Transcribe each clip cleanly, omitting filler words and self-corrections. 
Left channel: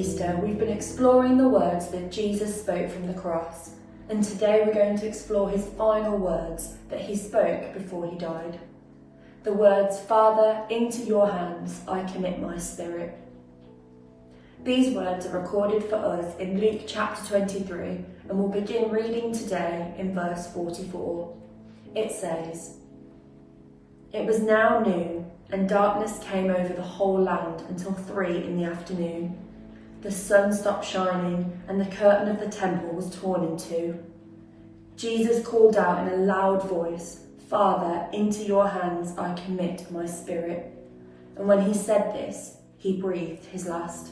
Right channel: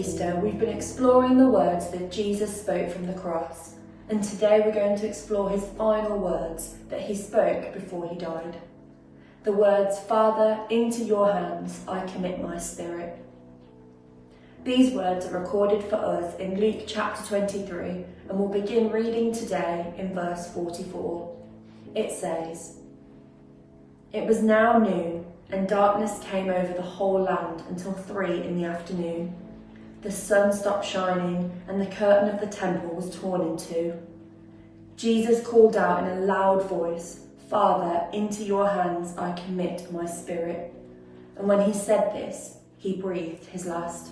Easter, we've been exploring the words that Jesus spoke from the cross, and today we're going to explore his final words that he spoke before he died. The words, "Father, into your hands I commit my spirit." These words are recorded for us in Luke chapter 23, and we'll begin reading today in verse 44. It says, "It was now noon, and darkness came over the whole land until 3 in the afternoon. The sun stopped shining, and the curtain of the temple was torn in two. Jesus called out in a loud voice, 'Father, into your hands I commit my spirit.' And when he said this, he breathed his last."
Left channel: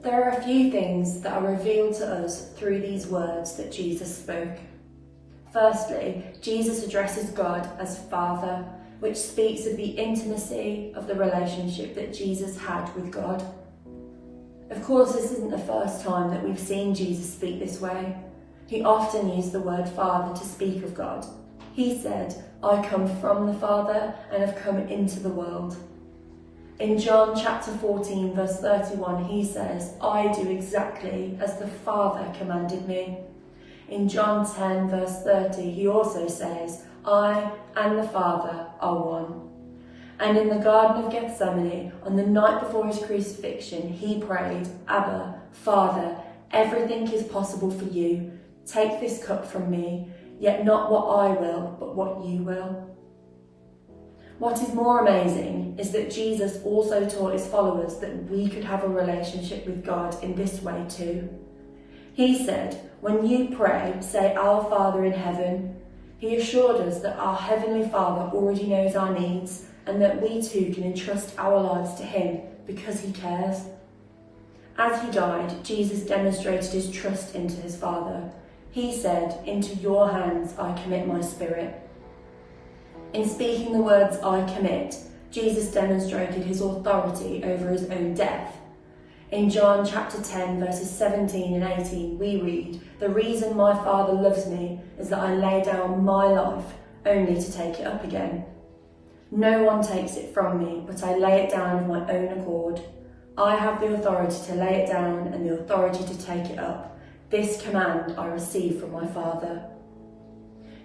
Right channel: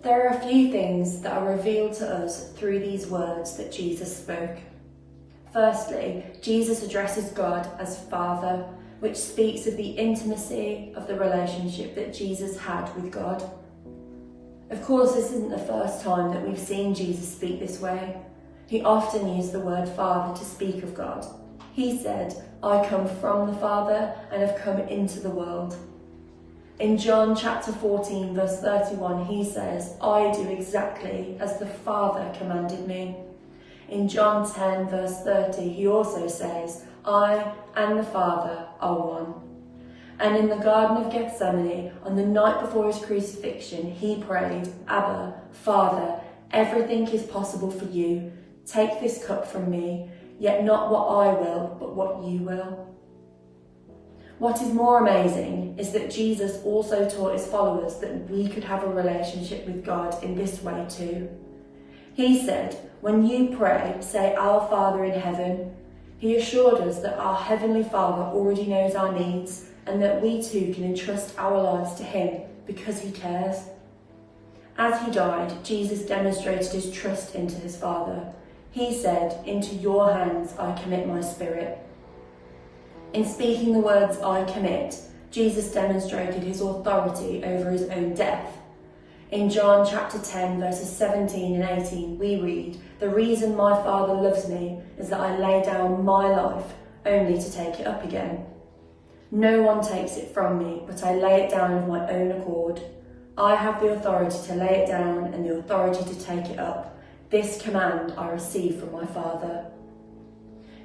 There are a few things that are revealed to us through these words that Jesus spoke. Firstly, Jesus addresses God as Father, which speaks of the intimacy of the relationship that Jesus had with God. Of course, this isn't the first time that we've seen Jesus speak this way. He often used the word Father to speak of God. He said, "I come from the Father and have come into the world." In John chapter 14, verse 31, he says, "I do exactly as the Father commanded me." In John 10, verse 30, he also says, "I and the Father are one." And in the Garden of Gethsemane, on the night before his crucifixion, he prayed, "Abba, Father, everything is possible for you. Take this cup from me, yet not what I will, but what you will." What is more amazing is that Jesus also taught his followers that we could have a relationship with God in this way too. He said, "When you pray, say, 'Our Father in heaven.'" He assured us that our Heavenly Father already knows our needs and that we too can entrust our lives to him because he cares. As he died, Jesus demonstrated his trust into his Father. He said, "Into your hands I commit my spirit." In speaking the words, "I commit," Jesus demonstrated his authority over his own death. In John chapter 10, verses 17 and 18, we read, "The reason my Father loves me is that I lay down my life only to take it up again. No one takes it from me, but I lay it down of my own accord. I have the authority to lay it down and the authority to take it up. This command I received from my Father."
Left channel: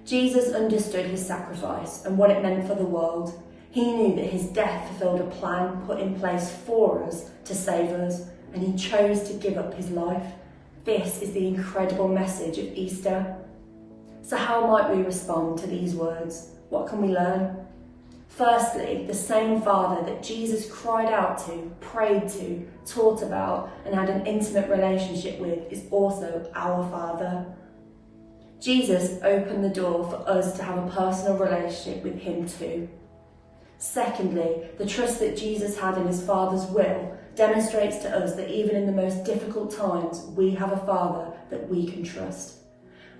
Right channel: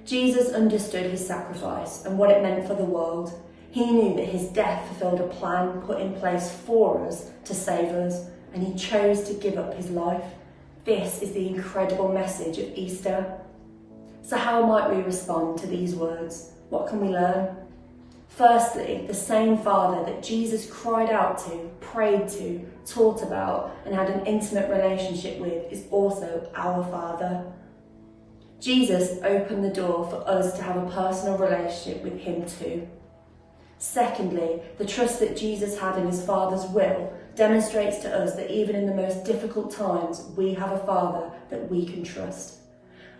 Jesus understood his sacrifice and what it meant for the world. He knew that his death fulfilled a plan put in place for us to save us, and he chose to give up his life. This is the incredible message of Easter. So how might we respond to these words? What can we learn? Firstly, the same Father that Jesus cried out to, prayed to, taught about, and had an intimate relationship with is also our Father. Jesus opened the door for us to have a personal relationship with him too. Secondly, the trust that Jesus had in his Father's will demonstrates to us that even in the most difficult times, we have a Father that we can trust.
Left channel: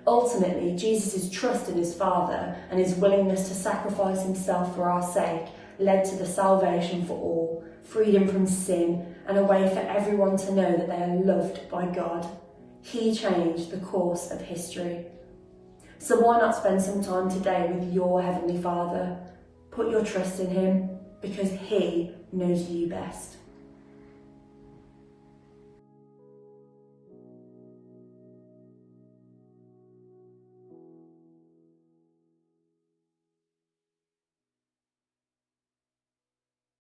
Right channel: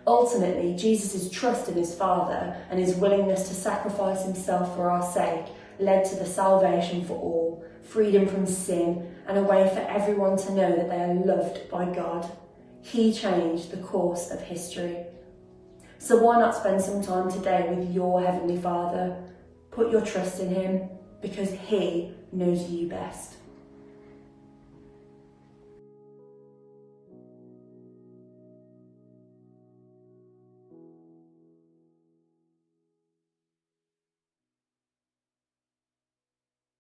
Ultimately, Jesus' trust in his Father and his willingness to sacrifice himself for our sake led to the salvation for all, freedom from sin, and a way for everyone to know that they are loved by God. He changed the course of history. So why not spend some time today with your Heavenly Father? Put your trust in him because he knows you best.